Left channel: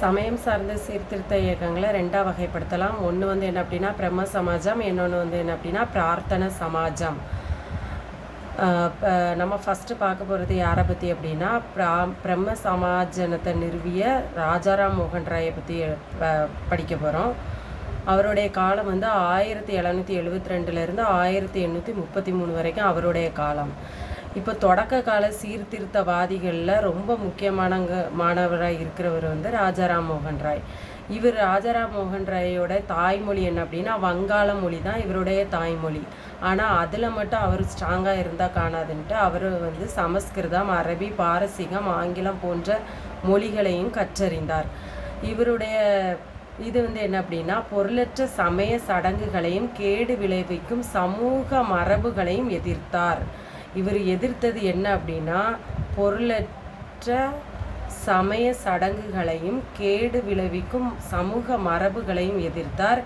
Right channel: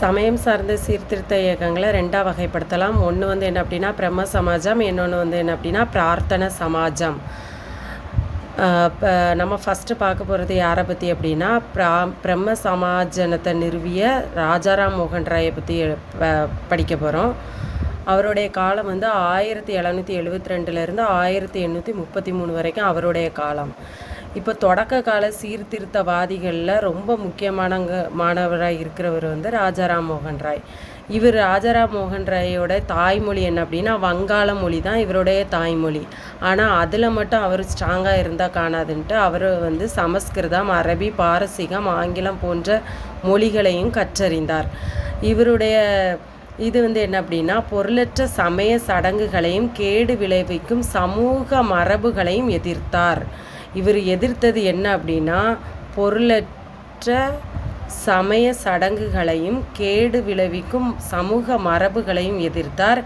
சமயம் சார்ந்த சீர்திருத்த இயக்கங்களை ரெண்டாக வகைப்படுத்தலாம். ஒன்று வந்து என்ன அப்படின்னா பிரம்ம சமாஜம், இன்னொன்று வந்து என்ன அப்படின்னா பிரார்த்தனை சமாஜம். இப்போ நம்ம ஃபஸ்ட்டு பார்க்க போகிறது யாரை பற்றி அப்படின்னா பிரம்ம சமாஜனத்தை நிறுவிய ராஜாராம் மோகன் ராயை பற்றி படிக்க போகிறோம். அவருடைய காலம் வந்து 1772 1833 வரைக்கும் அவருடைய காலம். இப்போ தொடக்க கால சீர்திருத்தவாதிகளில் ரொம்ப மாணவராக இருக்கிறவர் வந்து ராஜாராம் மோகன் ராய். இவர் ராஜாராம் மோகன் ராயோட தாய்மொழி என்ன அப்படின்னா வங்காள மொழி தான் இவருடைய தாய்மொழி. ஆனால் அதில் மட்டும் அவர் ஸ்ட்ராங்காக இருந்தால் காணாதுன்ட்டு அவர் வந்து சமஸ்கிருதம், அரபி, பாரசீகம், ஆங்கிலம் போன்ற மொழிகளையும் கற்றறிந்தார். இவருடைய இது வந்து என்ன அப்படின்னா பொருளற்ற சமய சடங்குகளையும் கேடு விளைவிக்கும் சமூக மரபுகளையும் எதிர்த்தார். இவர் எதிர்த்தது என்ன அப்படின்னா பொருளற்ற சமய சடங்குகளையும் கேடு விளைவிக்கும் சமூக மரபுகளையும் எதிர்த்தார்.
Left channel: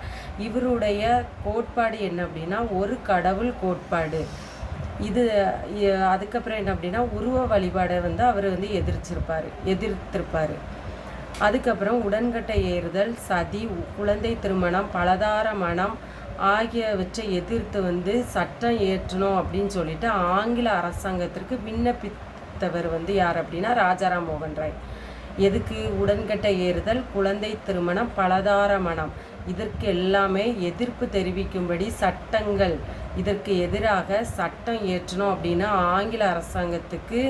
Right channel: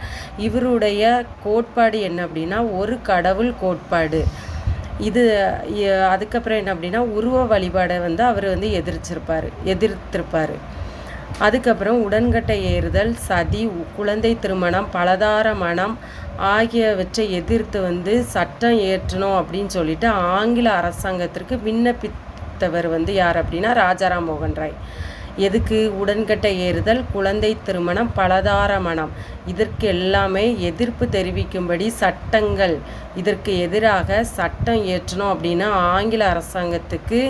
இவருடைய கோட்பாடு என்ன அப்படின்னா ஒரு கடவுள் கோட்பாடு. இது அதுக்கப்புறம் என்ன அப்படின்னா உருவ வழிபாடை வந்து அவர் வந்து எதிர்த்திருப்பார். அதுக்கப்புறம் உடன்கட்டை ஏறுதல், சதி, குழந்தை திருமணம், பலதார மனம் ஆகியவற்றை எதிர்த்து வந்து சட்டம் ஏற்றணும் அப்படின்னு சொல்லிட்டு ஆங்கில அரசாங்கத்திற்கு விண்ணப்பித்தவர் வந்து யார் அப்படின்னா ராஜாராம் மோகன் ராய். எதுக்கு? உடன்கட்டை ஏறுதல், குழந்தை திருமணம், பலதார மனம், இதற்கு எல்லாமே எதிர்ப்பு தெரிவிக்கும்படி சட்டங்கள், இதற்கு எதிராக சட்டம் ஏற்றணும் அப்படின்னு ஆங்கில அரசாங்கத்துக்கு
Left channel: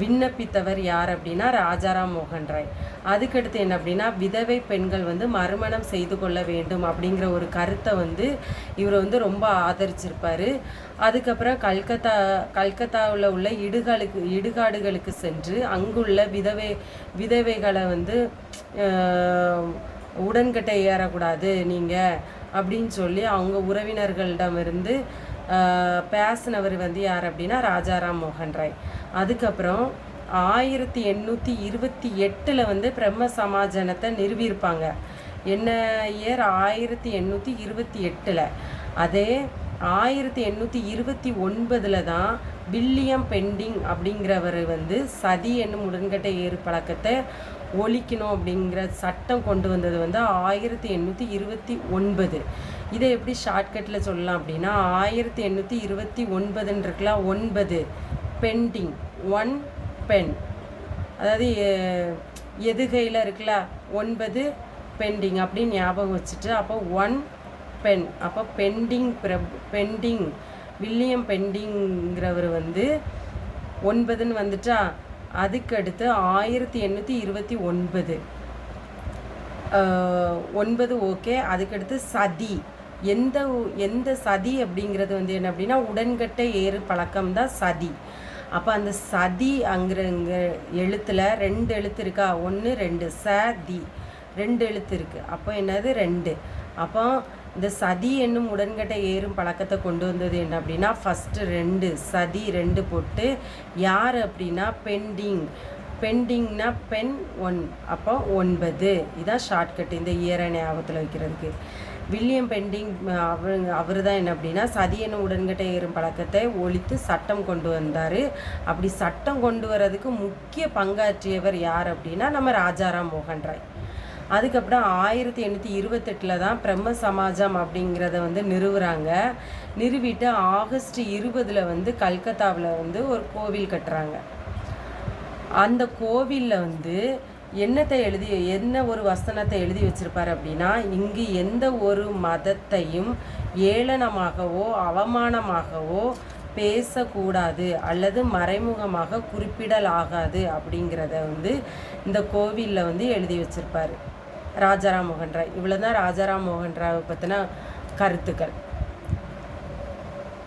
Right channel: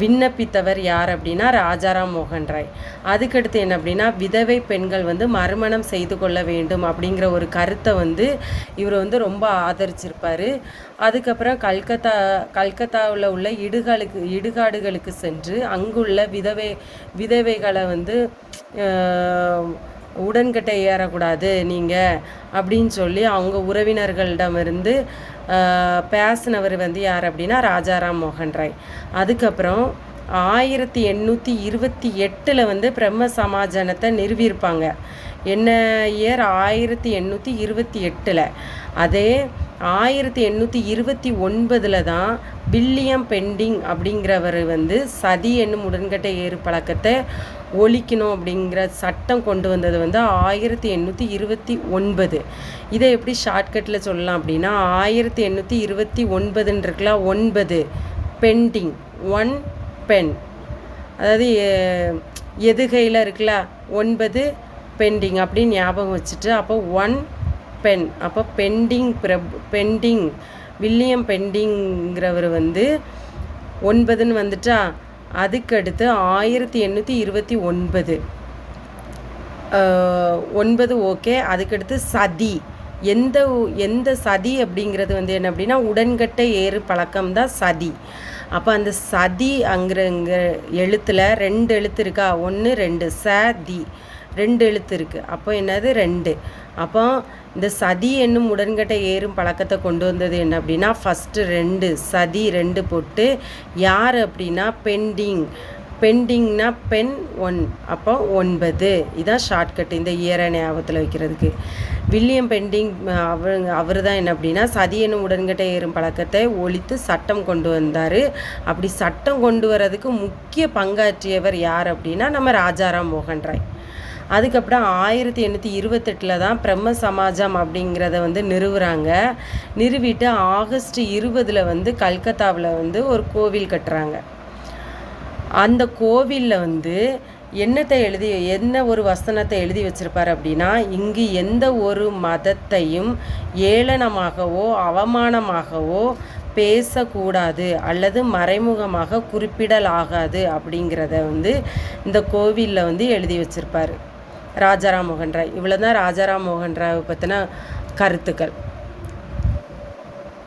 விண்ணப்பித்தவர் யார் அப்படின்னா ராஜாராம் மோகன் ராய். அதுக்கடுத்து என்ன அப்படின்னா விதவை பெண்கள் வந்து மறுமணம் செய்து கொள்ள வேண்டும் அப்படிங்கிற ஒரு கருத்தை வந்து இவர் வந்து ரொம்ப ஆதரிச்சிருப்பார். அதுக்கப்புறம் கல்கத்தாவில் உள்ள இடுகாடுகளுக்கு சென்று அங்குள்ள விதவைகளை வந்து உடன்கட்டை ஏறக்கூடாது நீங்கள் அப்படின்னு சொல்லி அவங்க உறவினர்களிடமிருந்து பேசினவர் வந்து யார் அப்படின்னா ராஜாராம் மோகன் ராய். அதுக்கப்புறம் 1828 வந்து பிரம்ம சமாஜனத்தை நிறுவியிருப்பாங்க. என்ன இயர்? 1828. அதே 1829 தான் வில்லியம் பெண்டிங் அப்படிங்கிறவர் வந்து சதி என்னும் உடன்கட்டை ஏறு பழக்கத்தை ஒழிக்கணும் அப்படிங்கிற சட்டம் கொண்டு வந்தது வந்து 1829. இதை எப்படி ஷார்ட்கட்டில் சொல்லலாம் அப்படின்னா 1829 இருக்கலாம் 9 பெண்டிங் 1 பென், அதாவது எதுகையில் இருக்குல்ல 9 பெண்டிங் அப்படின்னு ஞாபகம் வச்சுட்டு அப்போ 1 பென், அப்போ பெண்டிங் வில்லியம் பெண்டிங்கிறவர் வந்து 9ன்னு வந்துட்டா. அதுக்கடுத்து 1829 9 ஓகே. அதுக்கடுத்து சதி, எந்த சதி அப்படிங்கிறது வந்து என்ன அப்படின்னா உடன்கட்டை ஏறு பழக்கம் தான் சதி. அப்போ அந்த சதி இங்கே எழுத்தில் 2 எழுத்து இருக்கா, 1 2 சதி 2 எழுத்து இருக்குது. அப்போ என்னது 2. அப்போ இந்த சதி என்னும் உடன்கட்டை ஏறும் பழக்கத்தை கொண்டு வந்தது என்ன அப்படின்னா ஃபஸ்ட்டு 2 சதி 2 போட்டு யார் அப்படின்னா பெண்டிங்னா பென் 1, அப்போ 9. இதான் ஷார்ட்கட் இந்த இயரை ஞாபகத்தில் வைக்கிறதுக்கு. வில்லியம் பெண்டிங் அவர் தான் என்ன அப்படின்னா சதி என்னும் உடன்கட்டை ஏறும் பழக்கத்தை ஒழித்து சட்டம் கொண்டு வந்தார். அப்படி சட்டம் கொண்டு வரதுக்கு முக்கிய பங்காற்றியவர் யார் அப்படின்னா நம்ம ராஜாராம் மோகன் ராய். அதுக்கப்புறம் 1828 தான் பிரம்ம சமாஜம் அப்படிங்கிறத வந்து நிறுவிட்டு ஆகஸ்ட் 20 வந்து கல்கத்தாவில் வந்து ஒரு கோவில் கட்டுறாங்க. அந்த கோவிலில் வந்து என்ன ஒரு வசனத்தை எழுதி வச்சிருப்பார் அப்படின்னா இங்கு எந்த ஒரு மதத்தையும் ஏளனமாகவோ அவமானமாகவோ பேசக்கூடாது அல்லது மறைமுகமாக குறிப்பிடலாகாது அப்படிங்கிறத வந்து இந்த கோவிலில் வந்து எழுதி வச்சிருப்பார் ராஜாராம் மோகன் ராய். இவ்வளோ தான் ராஜாராம் மோகன் ராயை பற்றின கருத்துக்கள்.